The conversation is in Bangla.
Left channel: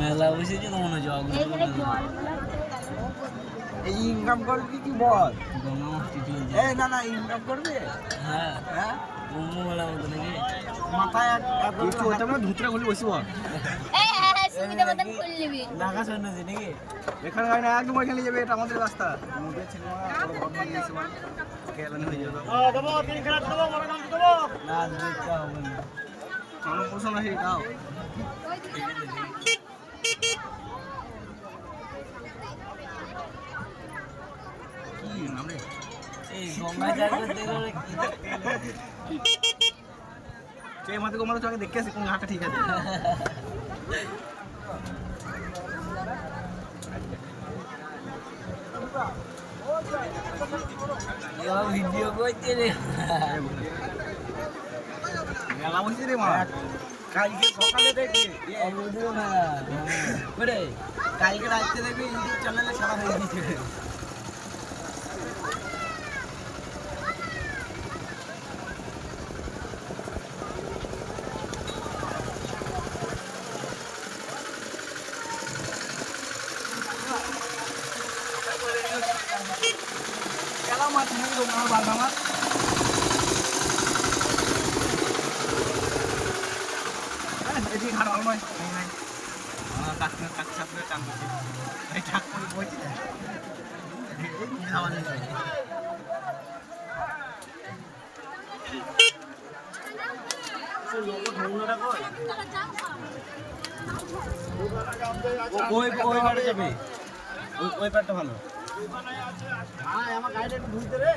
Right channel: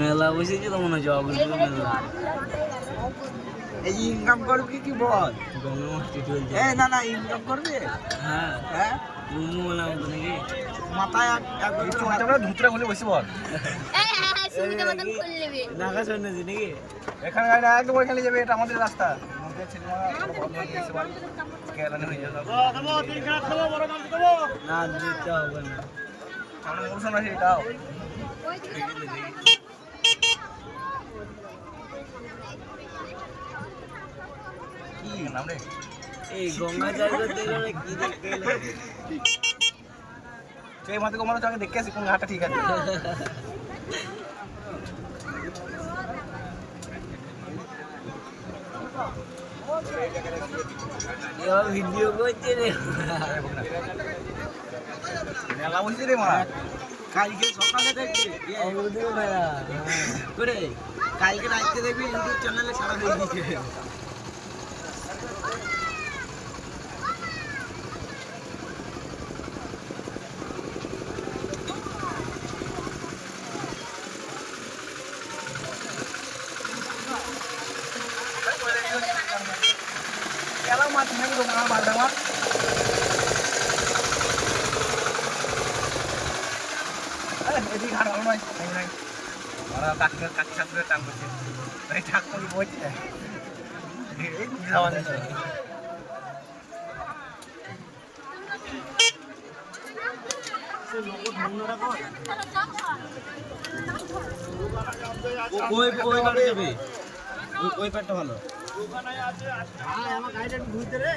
মেলা বসেছে তো মনে হচ্ছে অগ্রপুর মেলা। এই ইনকাম করবি কি বল? গঙ্গা মাছটি চলছে। এই না না ইনকাম করবে? হ্যাঁ হ্যাঁ কুম্ভ মেলা মতো নাকি? মাথায় এক কিছু হতে না ধুতরা খুলে বসে বল। নাকা শুনেছি নাকি? এখানে খাই না একদম ওইখানে যাবে, এটা আমাদের রাস্তা। মুখে ছেলেরা বড় বড় নিয়ে এসে বল কেলানি হয়ে যাবে। না দিতে হবে না। আমার বলছ না সেটাও। কি নাম রে? এই গঙ্গা চার করতে গেলে কি দেখতে গেলে? এই মাথা কমানো তো আগে দেখে আসি কোন ঘাটটা ঠিক আছে। এবার ভিডিও করছে রে। মেলা বলছি রে মারা। কালকে সকালে দেখবি অগ্রপুর মেলা। করে কালকে রাত্রে দেখবি ইউটিউব চ্যানেলে ছাড়া হয়ে গেছে। খেলা মাছ নাকি তো মার বালদা মাছ এদিকে ঘাট ভালো নয় নাই কাকি কাকি সাথে টান করছে এই ঠাক করে বইছে এই যাওয়া নিছে ওই ওই পারে যাবে ওই পারটা ভালো। আমার গাড়িটা ঘুরতে রে।